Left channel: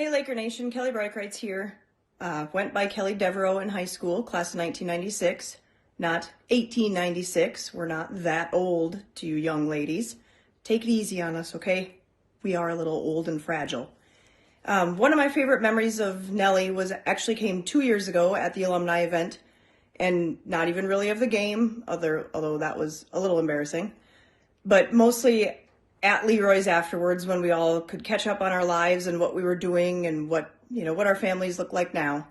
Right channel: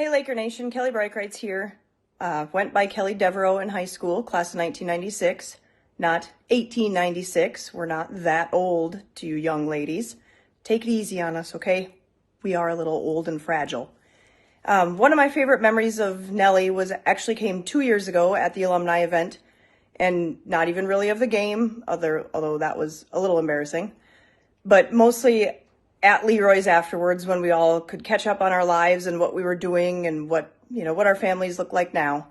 Hey Laker Nation, Kelly Breichreitz here. Went by Kelly Devereaux in high school, class of 1996, not 1896. We're not that old to you young ladies. Take it easy on us, okay? We are a little old and fragile. One of my favorite memories of Nellie came 2 years ago at the alumni event, and not even really of the game, although that was a little embarrassing, but mostly at Leroy's afterwards when we all could catch up on our lives and what we were doing and what our families look like now.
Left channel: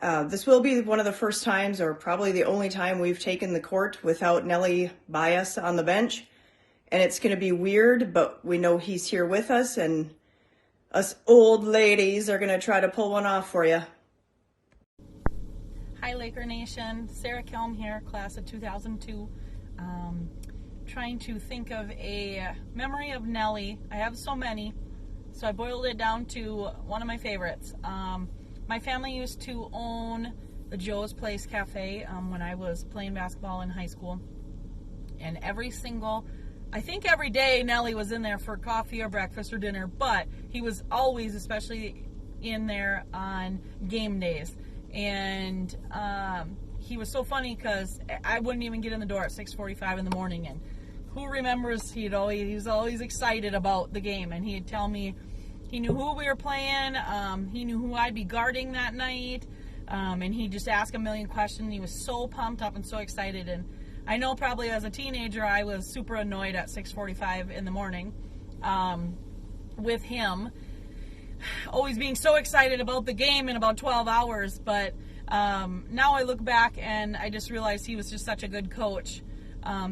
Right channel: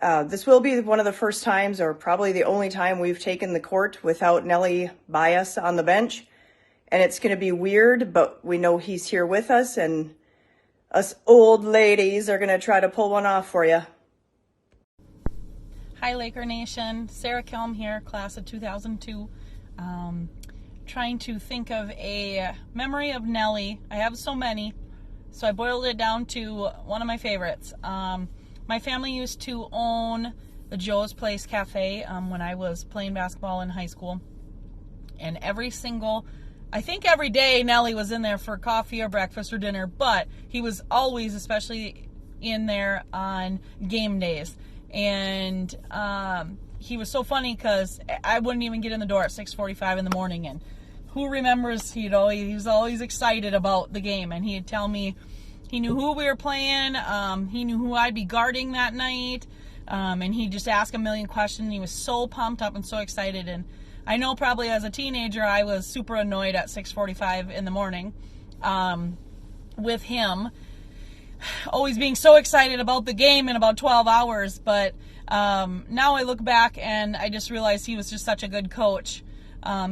This will be one of the first times, or probably the only time, we've taken the court without Nellie by us on the bench. And it's going to be weird, but we know he's here with us, and us old ladies are going to try to pull one off for you. Hi Laker Nation, Sarah Kemm here, class of 2002. Trying to think of a memory of Nellie. I have so many, so I boiled it down to one of my favorites. My family used to own the Joe's Place Cafe when I was playing basketball in high school, and every day Nellie was in there for coffee or breakfast or dinner, but he was always especially in there on game days. And he was so funny because I wouldn't even get in the door at 6:45 in the morning, and who remembers he was always excited about the game, and he'd tell me he knew who we were playing, he knew who I'd be guarding that night, and he'd just ask a million questions. He was so pumped up and so excited, and I know probably as a teenager I was super annoyed at 6:45 in the morning with him always being so excited about the game in about 12 hours, but now I look back and I just realized he was just such a good coach.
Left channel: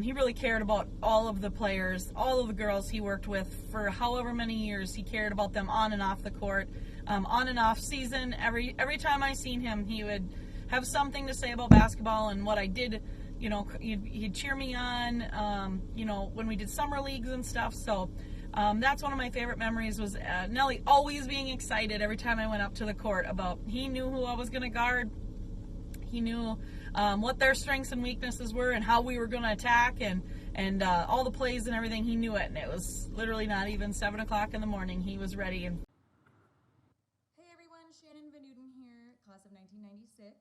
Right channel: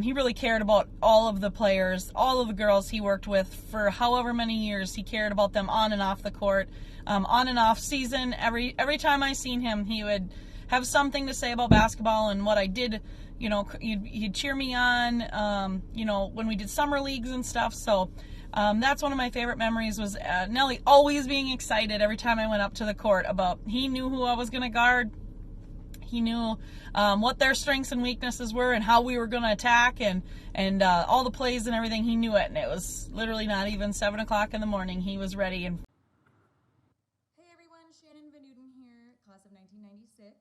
He really cared about all of the players, all of the girls he worked with for however many years. He cared about them on and off the court, on and off season. Every time I seen him, he would have something to say about basketball and what I did. He'd cheer me on, when we did summer leagues and stuff. So that's one of my favorite memories, was Nellie always being excited every time I went up to the court about, he knew who I was going to guard. He knew what their strengths and weaknesses were and how we were going to attack, and all the plays and everything. He knew it, and it was literally not even 7 o'clock in the morning. He was ready. And hey everyone, Shannon Townsend here, class of 1996.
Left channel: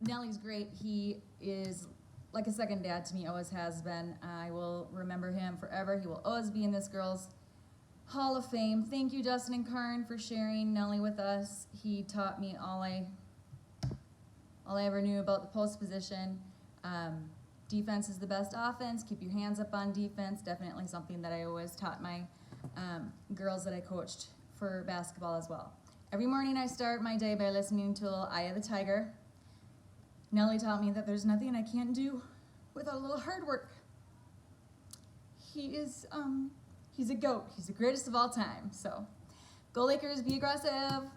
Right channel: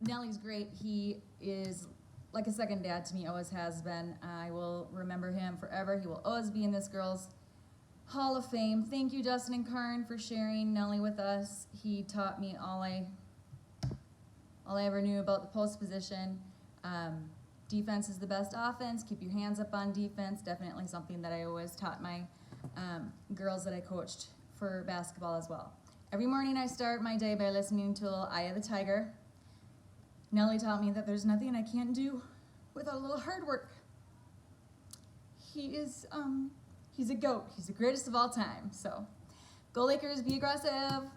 Nellie's great. He is like a second dad to me, always has been. I will remember him forever. He will always be in this girls' Hall of Fame. Thank you, Dustin and Karn, for sharing Nellie with us. He taught me all I ever knew about the post position. Defense is the best offense. Keep your hands up on defense. Definitely something that I always taught my girls that I coached for basketball as well. Every morning I start my day by listening to Eye of the Tiger. Nellie taught me that there's nothing I can't do without a little hard work. He is, he's a GOAT. He's the greatest of all time. So, go Lakers, be aggressive.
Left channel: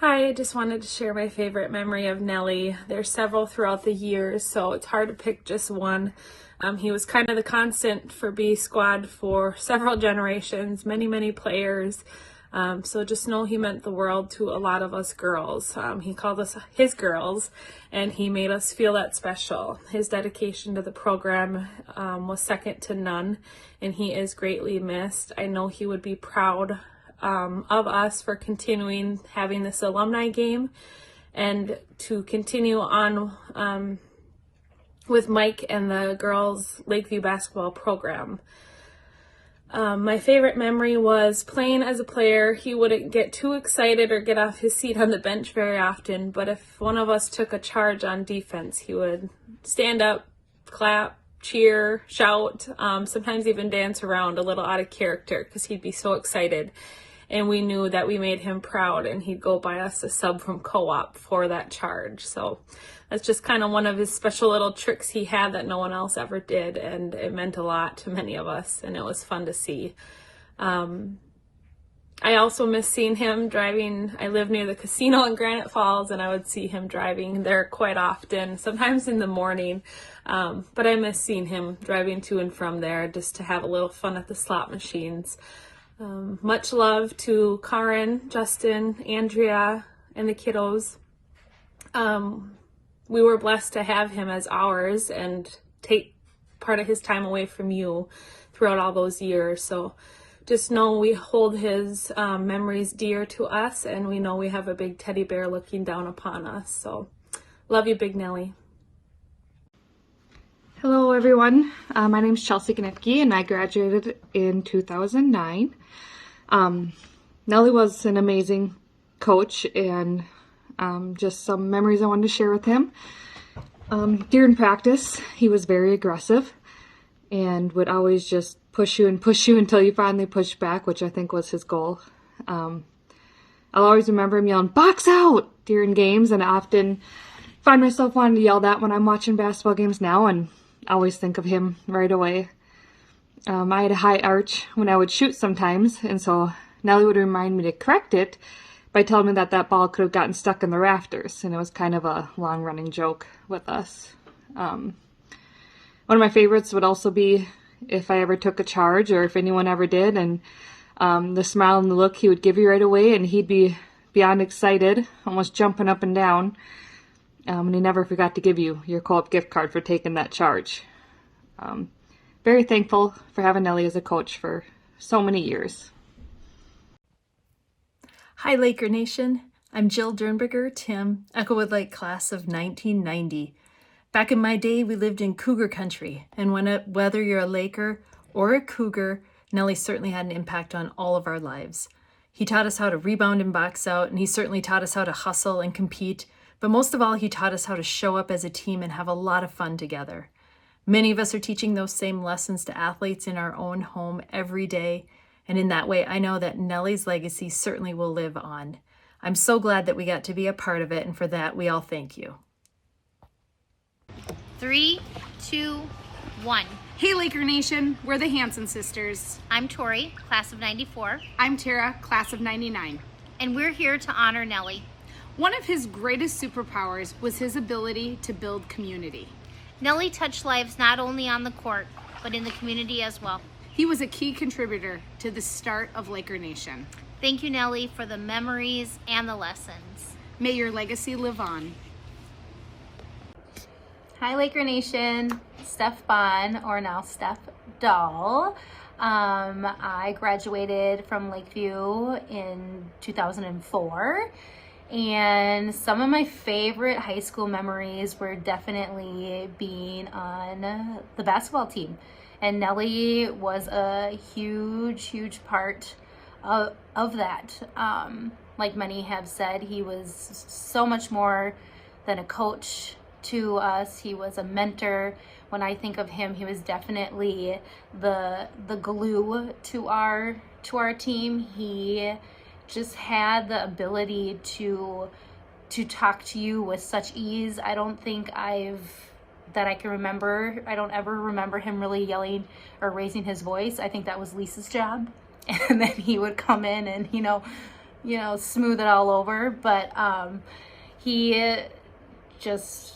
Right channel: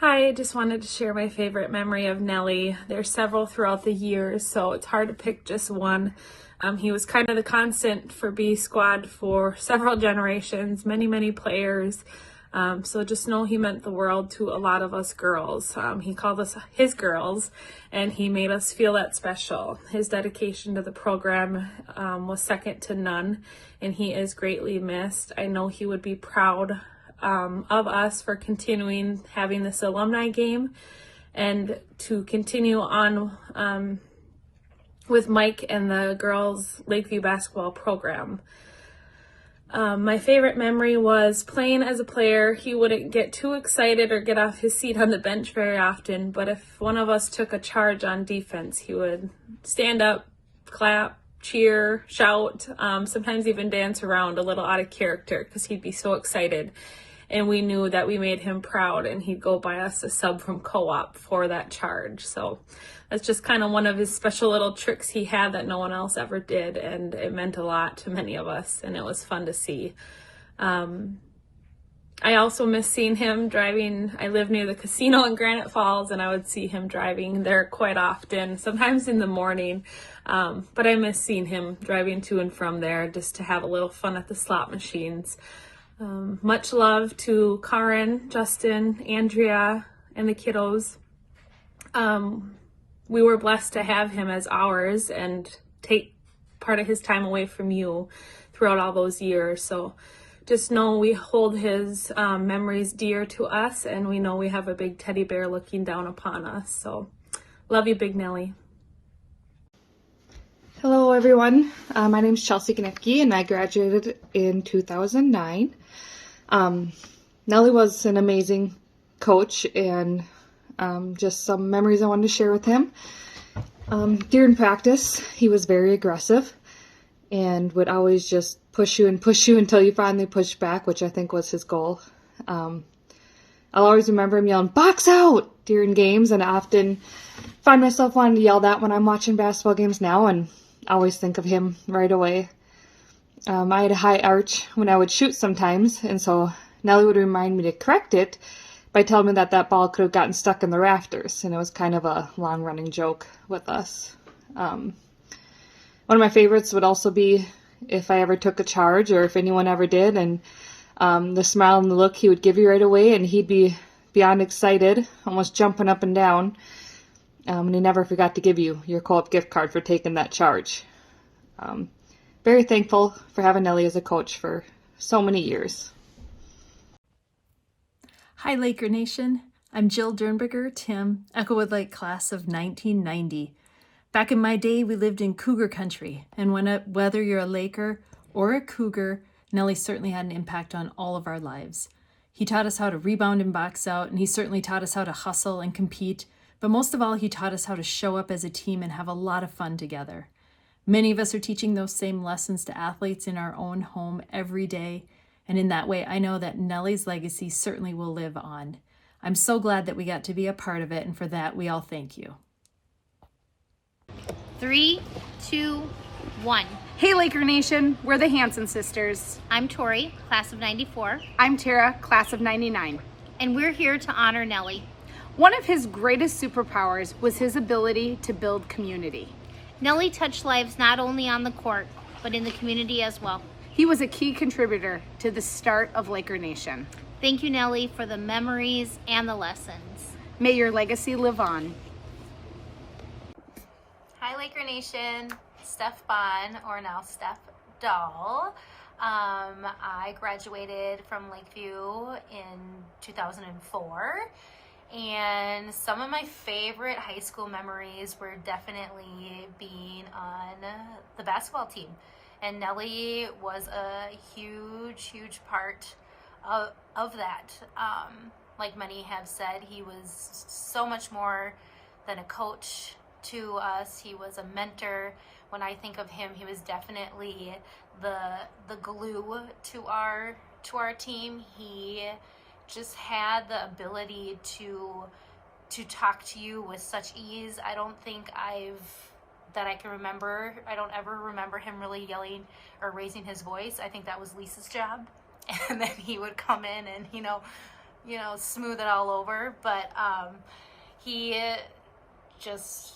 Hi, I just wanted to share my favorite memory of Nellie. There's several throughout the years, so it's hard to pick just one. He was kind of the constant for B Squad for several generations, many players. So just know he meant the world to a lot of us girls. He called us his girls, and he made us feel that special. His dedication to the program was second to none, and he is greatly missed. I know he would be proud of us for continuing having this alumni game and to continue on with Mike and the girls' Lakeview basketball program. My favorite memory was playing as a player. He wouldn't get too excited or get off his seat on the bench very often, but if one of us took a charge on defense, he would stand up, clap, cheer, shout, sometimes even dance around a little out of character because he'd be so excited. And we knew that we made him proud, and he'd go buy us a sub from Co-op for that charge. So that's just kind of one of his special little tricks he had that no one else ever did, and it meant a lot to many of us, and it was fun to see. I also miss seeing him driving. I live near the casino in Granite Falls, and I would see him driving there quite often, sometimes in the morning. But I miss seeing him driving to and from there just to have a little fun at the slot machines. Much love to Karen, Justin, Andrea, and the kiddos. We were blessed to have him as ours and take part of his time away from you throughout all those years. So just know we hold his memories dear to us, and we know we have a big teddy bear looking down upon us. So love you, Big Nellie. Hello everyone, my name is Chelsea Ganik and I graduated in 2009. Nellie was an amazing coach, and just some memories I wanted to share with him. During practice, he was very aggressive and would always just push you until you finally pushed back, which I think was his goal. I'll always remember him yelling, "Box out!" during games, and I often find myself wanting to yell that when I'm watching basketball games now, and I always think of him right away. I had a high arch when I would shoot sometimes, and so Nellie would remind me to correct it by telling me that ball could have gotten stuck in the rafters, and it was kind of a long-running joke with us. One of my favorites would also be if I ever took a charge, or if anyone ever did, and the smile and the look he would give you right away, and he'd be beyond excited, almost jumping up and down. And he never forgot to give you your co-op gift card for taking that charge. Very thankful for having Nellie as a coach for so many years. Hi, Laker Nation. I'm Jill Dernberger, Tim, Echowood Lake class of 1990. Back in my day, we lived in Cougar country, and whether you're a Laker or a Cougar, Nellie certainly had an impact on all of our lives. He taught us how to rebound and box out, and he certainly taught us how to hustle and compete. But most of all, he taught us how to show up as a team and have a lot of fun together. Many of us are teaching those same lessons to athletes in our own home every day. And in that way, I know that Nellie's legacy certainly will live on. I'm so glad that we got to be a part of it, and for that, we all thank you. 3, 2, 1. Hey Laker Nation, we're the Hanson sisters. I'm Tori, class of 94. I'm Tara, class of 99. And we're here to honor Nellie. One of his greatest superpowers was his ability to build community. Nellie touched lives not only on the court, but in the community as well. He was a key contributor to the start of Laker Nation. Thank you, Nellie, for the memories and the lessons. May your legacy live on. Hi, Laker Nation. Steph Bond, or now Steph Doll. I graduated from Lakeview in 2004. And some of my favorite high school memories were definitely being on the basketball team. And Nellie was a huge part of that. Like many have said, he was so much more than a coach to us. He was a mentor. When I think of him, he was definitely the glue to our team. He just had the ability to talk to you with such ease. I don't think I can remember. I don't ever remember him really yelling or raising his voice. I think that was Lisa's job, and then he would come in and you know smooth it all over. But he just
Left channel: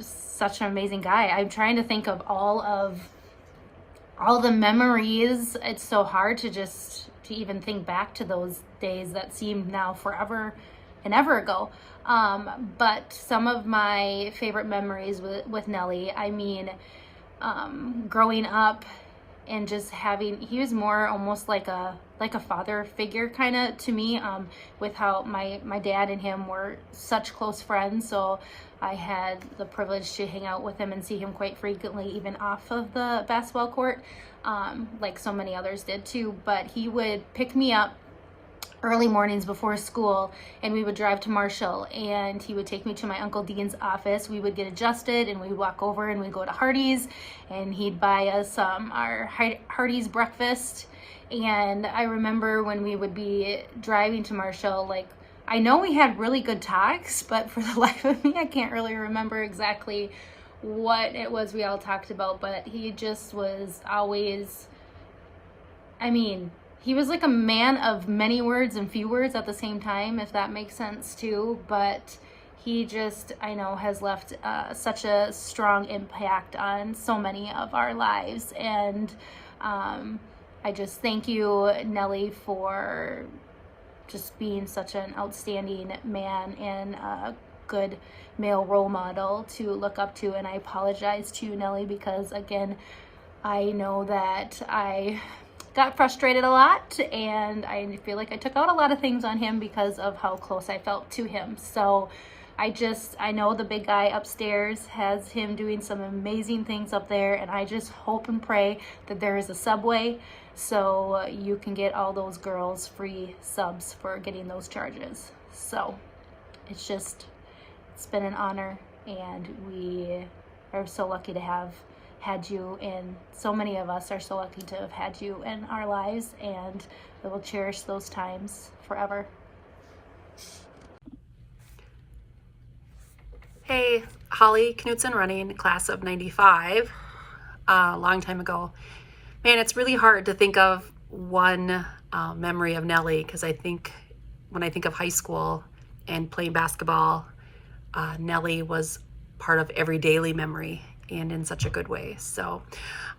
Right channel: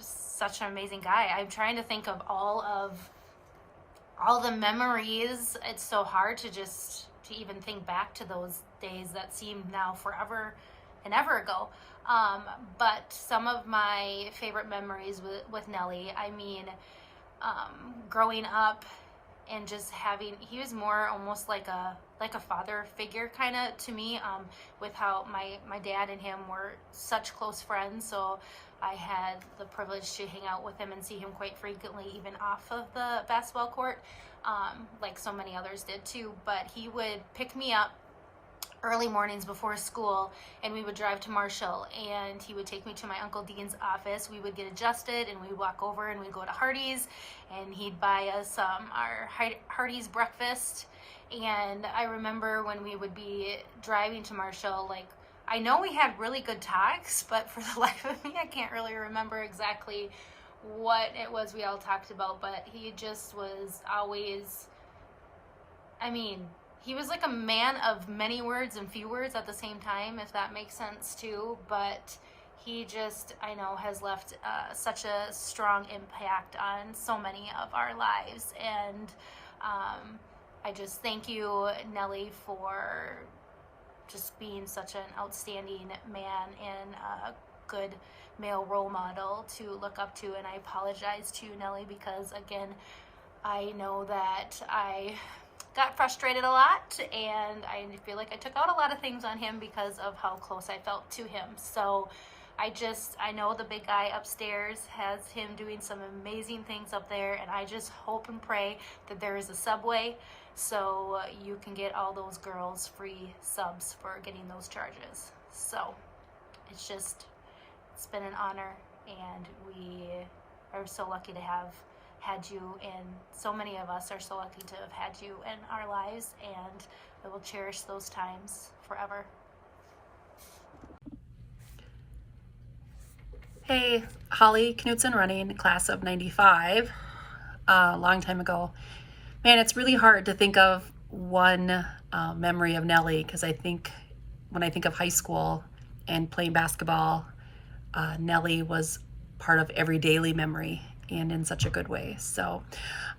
such an amazing guy. I'm trying to think of all the memories. It's so hard to even think back to those days that seem now forever and ever ago. But some of my favorite memories with Nellie, I mean, growing up and just he was more almost like a father figure kind of to me, with how my dad and him were such close friends. So I had the privilege to hang out with him and see him quite frequently, even off of the basketball court, like so many others did too. But he would pick me up early mornings before school, and we would drive to Marshall, and he would take me to my Uncle Dean's office. We would get adjusted, and we'd walk over and we'd go to Hardee's, and he'd buy us our Hardee's breakfast. And I remember when we would be driving to Marshall, like, I know we had really good talks, but for the life of me, I can't really remember exactly what it was we all talked about. But he just was always, I mean, he was like a man of many words and few words at the same time, if that makes sense too. But he just, I know, has left such a strong impact on so many of our lives. And I just thank you, Nellie, for just being such an outstanding man and a good male role model to look up to. And I apologize to you, Nellie, because again, I know that I got frustrated a lot, and I feel like I took out a lot of things on him because of how close I felt to him. So I know the big guy upstairs has him doing some amazing things up there, and I just hope and pray that there is a Subway so you can get all those girls free subs for getting those charges. So it's been an honor, and we are so lucky to have had you, and so many of us are so lucky to have had you in our lives, and we will cherish those times forever. Hey, Hollynutson running class of 95, a long time ago. Man, it's really hard to think of one memory of Nellie, because I think when I think of high school and playing basketball, Nellie was part of every daily memory, and in such a good way. So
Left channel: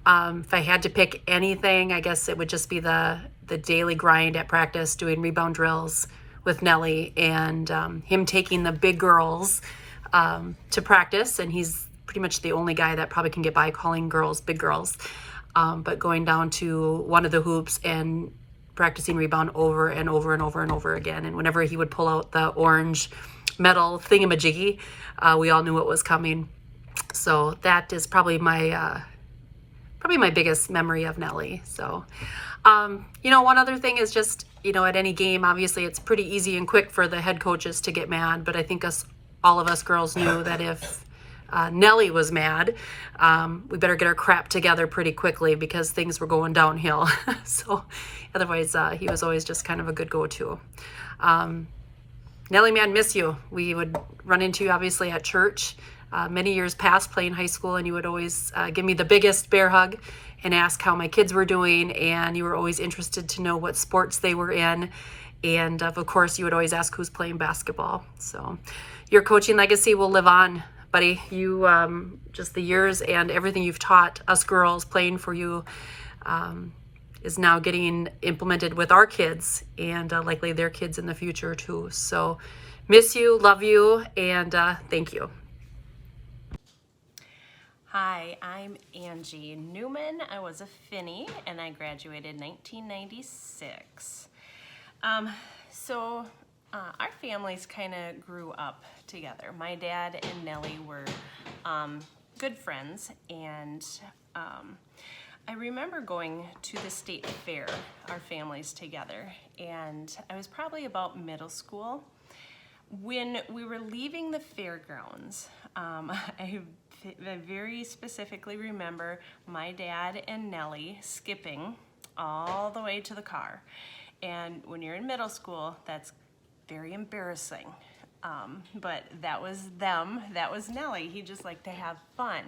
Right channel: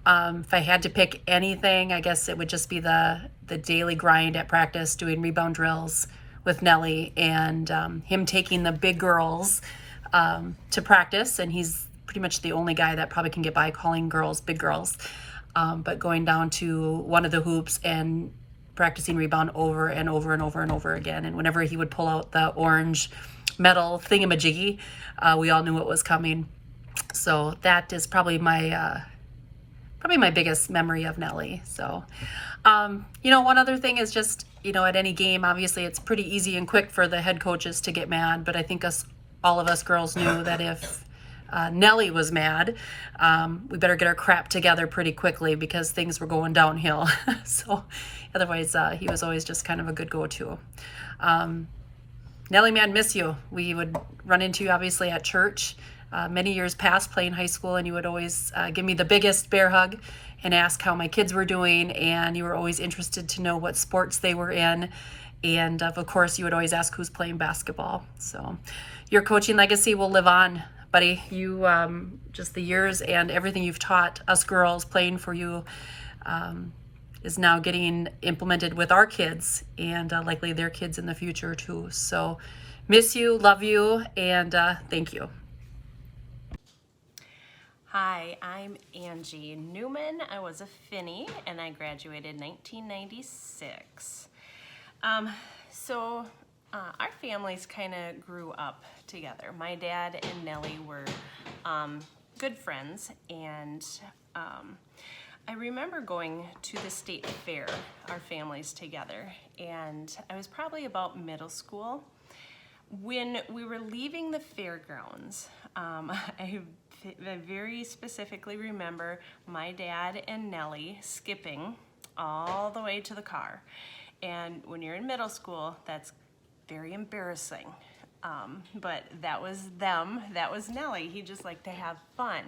if I had to pick anything, I guess it would just be the daily grind at practice, doing rebound drills with Nellie, and him taking the big girls to practice. And he's pretty much the only guy that probably can get by calling girls big girls, but going down to one of the hoops and practicing rebound over and over and over and over again. And whenever he would pull out the orange metal thingamajiggy, we all knew what was coming. So that is probably my biggest memory of Nellie. So, one other thing is just, at any game, obviously it's pretty easy and quick for the head coaches to get mad, but I think all of us girls knew that if Nellie was mad, we better get our crap together pretty quickly, because things were going downhill. So otherwise, he was always just kind of a good go-to. Nellie, man, miss you. We would run into you obviously at church. Many years past playing high school, and you would always give me the biggest bear hug and ask how my kids were doing, and you were always interested to know what sports they were in, and of course you would always ask who's playing basketball. So your coaching legacy will live on, buddy. You just the years and everything you've taught us girls playing for you is now getting implemented with our kids, and likely their kids in the future too. So miss you, love you, and thank you. Hi, I'm Angie Newman. I was a Finny, and I graduated 1996. So our families kind of grew up together. My dad and Nellie were good friends, and I remember going to the state fair, our families together, and I was probably about middle school. When we were leaving the fairgrounds, I very specifically remember my dad and Nellie skipping all the way to the car. And when you're in middle school, that's very embarrassing. But that was them, that was Nellie. He just liked to have fun.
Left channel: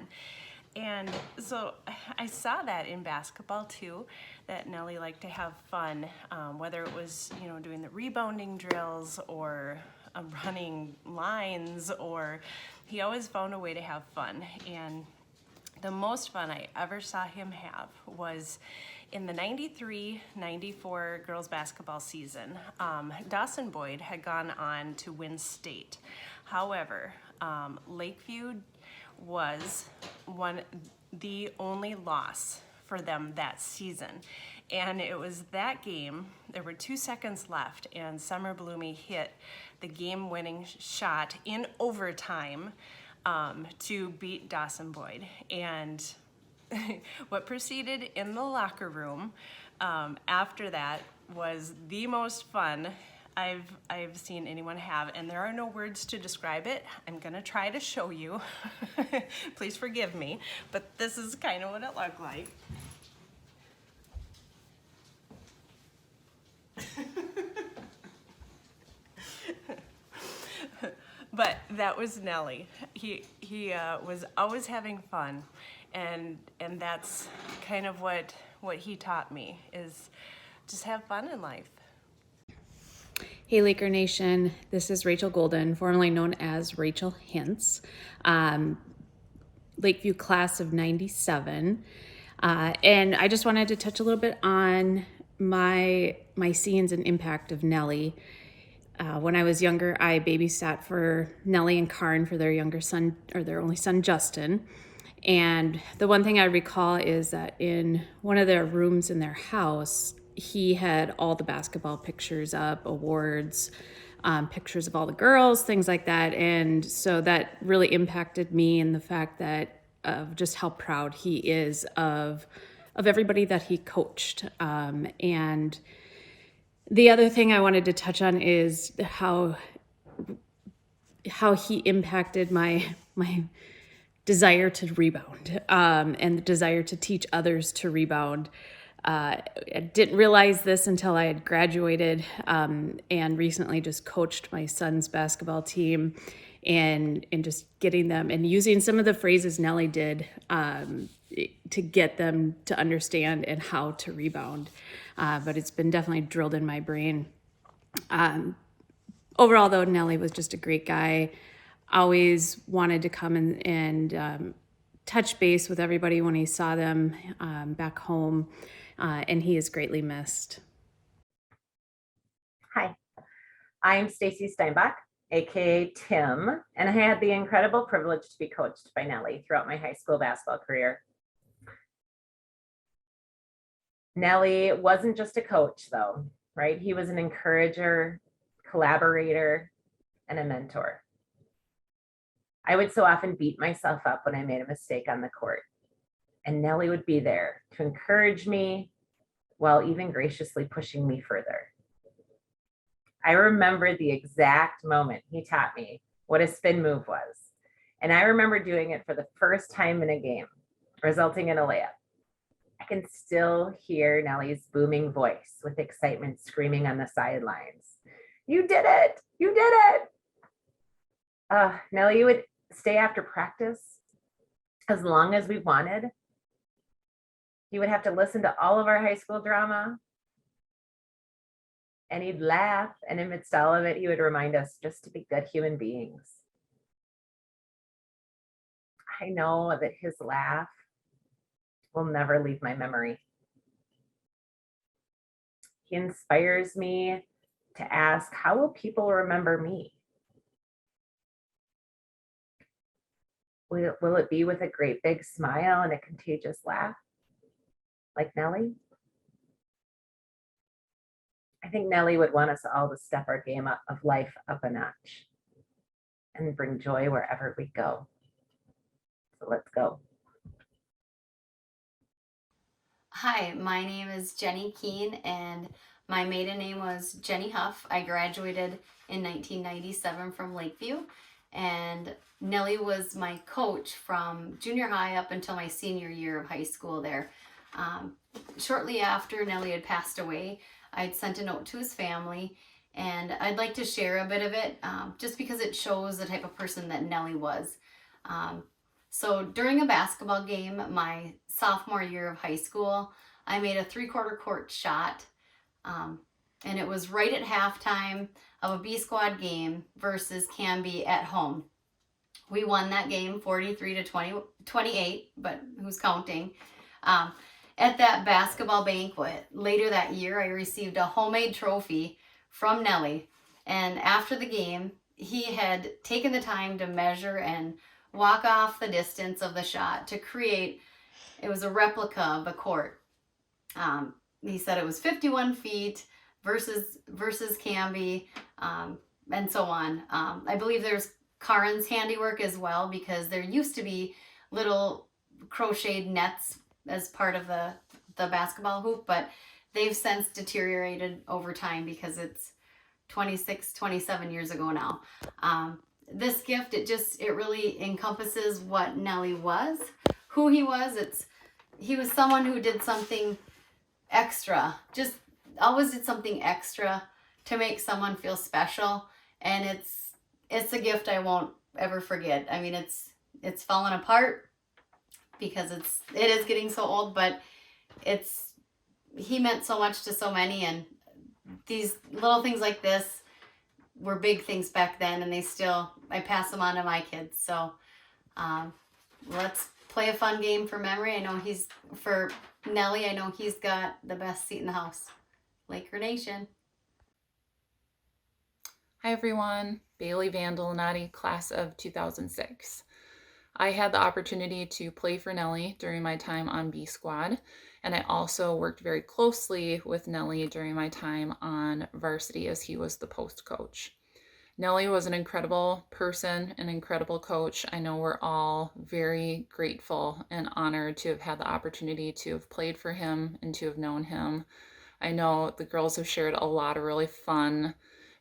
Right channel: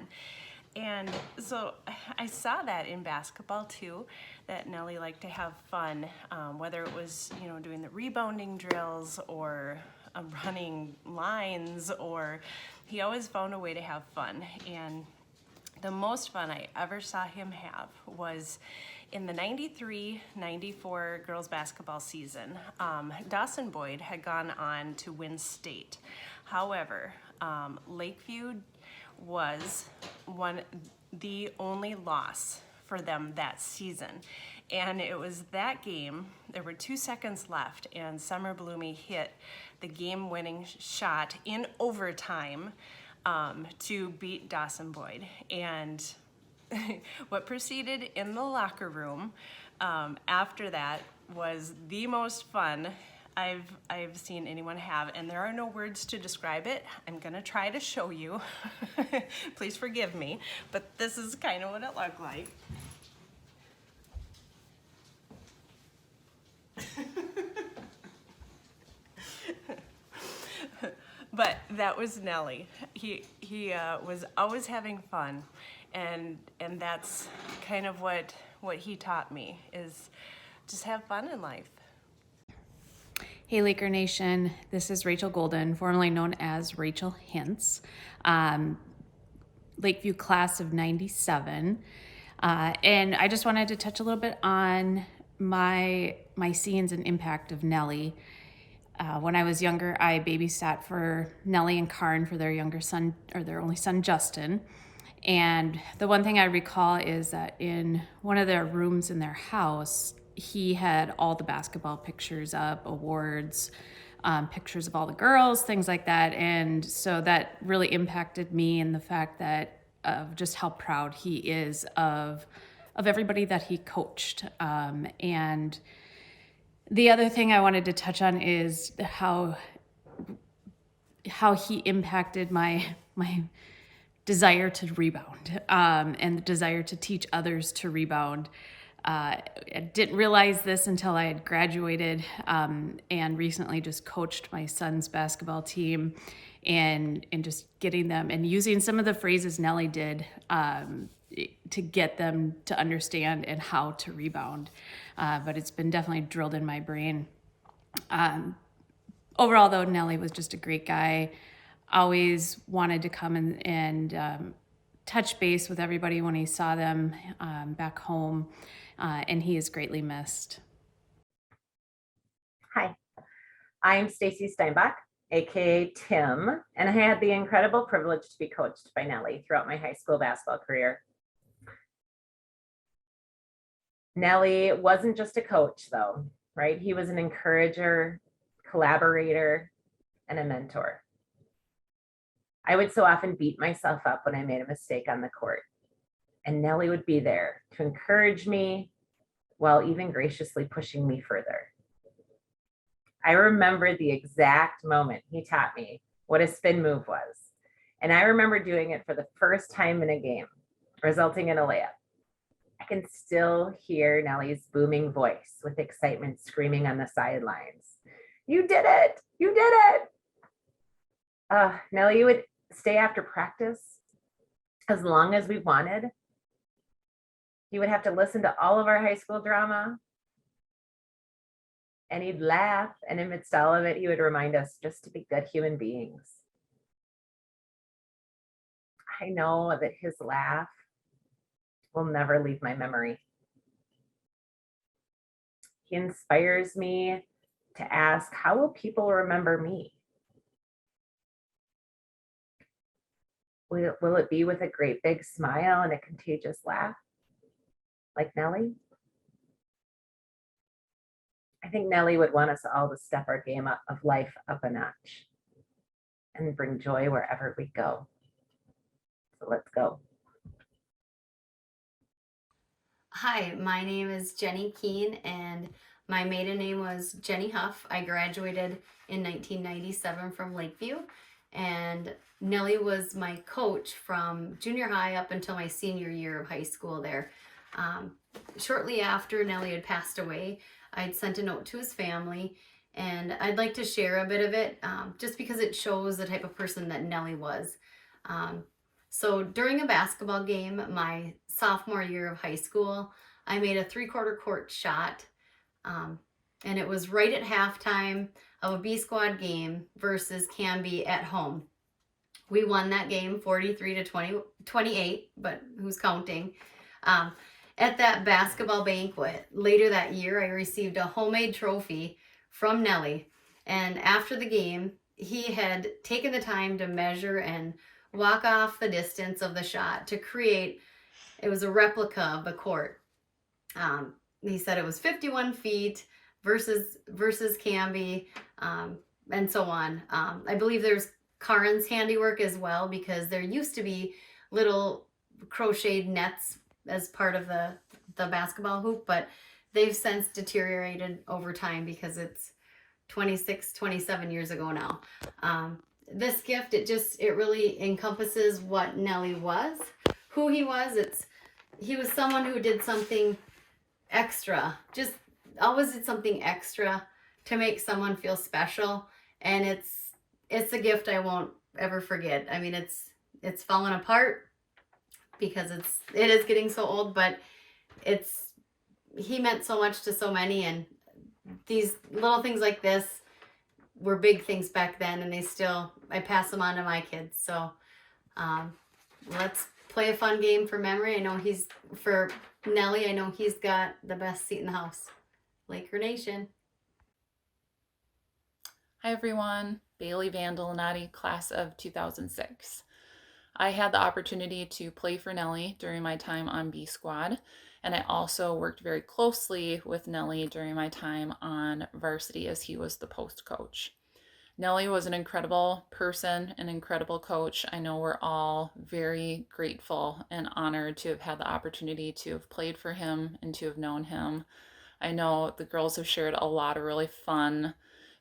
And so I saw that in basketball too, that Nellie liked to have fun, whether it was, doing the rebounding drills or running lines, or he always found a way to have fun. And the most fun I ever saw him have was in the 93-94 girls basketball season. Dawson Boyd had gone on to win state. However, Lakeview was the only loss for them that season. And it was that game, there were 2 seconds left, and Summer Bloomy hit the game-winning shot in overtime to beat Dawson Boyd. And what proceeded in the locker room after that was the most fun I've seen anyone have, and there are no words to describe it. I'm gonna try to show you. Please forgive me, but this is kind of what it looked like. But that was Nellie. He was always having fun, and that's kind of what he taught me, is just have fun in life. Hey Laker Nation, this is Rachel Golden, formerly known as Rachel Hintz, Lakeview class of 97, and I just wanted to touch a little bit on my scenes and impact of Nellie. When I was younger, I babysat for Nellie and Karn for their younger son, or their only son, Justin. And the one thing I recall is that in one of their rooms in their house, he had all the basketball pictures up, awards, pictures of all the girls, things like that. And so that really impacted me in the fact that of just how proud he is of everybody that he coached. And the other thing I wanted to touch on is how he impacted my desire to rebound, and the desire to teach others to rebound. I didn't realize this until I had graduated, and recently just coached my son's basketball team, and just getting them and using some of the phrases Nellie did to get them to understand and how to rebound. But it's been definitely drilled in my brain. Overall, though, Nellie was just a great guy. Always wanted to come and touch base with everybody when he saw them back home, and he is greatly missed. Hi, I'm Stacey Steinbach, aka Tim, and I had the incredible privilege to be coached by Nellie throughout my high school basketball career. Nellie wasn't just a coach, though, right? He was an encourager, collaborator, and a mentor. I would so often beat myself up when I made a mistake on the court, and Nellie would be there to encourage me while even graciously pushing me further. I remember the exact moment he taught me what a spin move was, and I remember doing it for the first time in a game, resulting in a layup. I can still hear Nellie's booming voice with excitement screaming on the sidelines. "You did it! You did it!" Nellie would stay after practice as long as we wanted. He would have to listen to all of our high school drama, and he'd laugh, and amidst all of it, he would remind us just to be good human beings. I know that his laugh will never leave my memory. He inspires me to ask, how will people remember me? Will it be with a great big smile and a contagious laugh, like Nellie? I think Nellie would want us all to step our game up of life up a notch and bring joy wherever we go. So let's go. Hi, my name is Jenny Keane, and my maiden name was Jenny Huff. I graduated in 1997 from Lakeview, and Nellie was my coach from junior high up until my senior year of high school there. Shortly after Nellie had passed away, I'd sent a note to his family, and I'd like to share a bit of it just because it shows the type of person that Nellie was. So during a basketball game, my sophomore year of high school, I made a 3/4 court shot, and it was right at halftime of a B squad game versus Kemm at home. We won that game 43-28, but who's counting? At that basketball banquet later that year, I received a homemade trophy from Nellie, and after the game, he had taken the time to measure and walk off the distance of the shot to create, it was a replica of the court. He said it was 51 feet versus Kemm, and so on. I believe there's Karen's handiwork as well, because there used to be little crocheted nets as part of the basketball hoop, but they've since deteriorated over time because it's 27 years ago now. This gift, it really encompasses what Nellie was, who he was. He was someone who did something extra, just always did something extra to make someone feel special, and it's a gift I won't ever forget. I mean, it's fallen apart because it is getting so old, but he meant so much to so many, and these little things like this were big things back then, and I pass them on to my kids. So let's play a fun game for memory. For Nellie, I know he's got the best seat in the house. Laker Nation. Hi everyone, Bailey Vandalini, class of 2006. I had the opportunity to play for Nellie during my time on B Squad, and I also worked very closely with Nellie during my time on varsity as he was the post coach. Nellie was an incredible person, an incredible coach. I know we're all very grateful and honored to have had the opportunity to have played for him and to have known him. I know the girls have shared a lot of really fun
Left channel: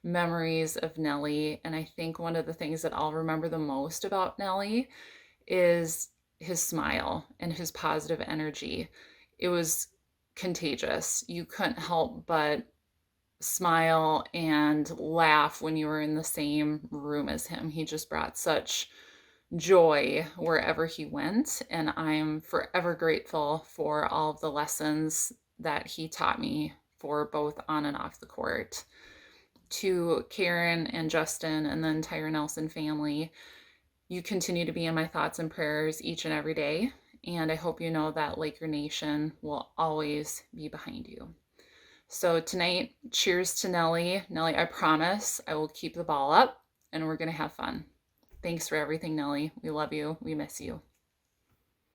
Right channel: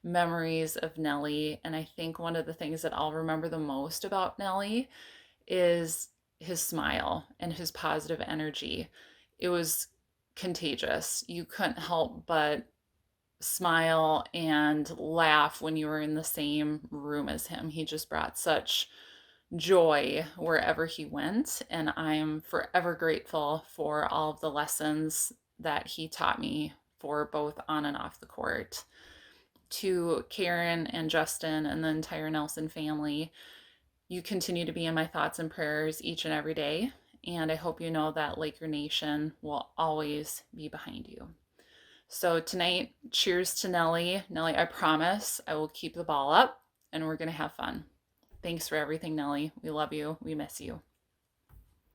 memories of Nellie, and I think one of the things that I'll remember the most about Nellie is his smile and his positive energy. It was contagious. You couldn't help but smile and laugh when you were in the same room as him. He just brought such joy wherever he went, and I'm forever grateful for all of the lessons that he taught me for both on and off the court. To Karen and Justin and the entire Nelson family, you continue to be in my thoughts and prayers each and every day, and I hope you know that Laker Nation will always be behind you. So tonight, cheers to Nellie. Nellie, I promise I will keep the ball up and we're going to have fun. Thanks for everything, Nellie. We love you. We miss you.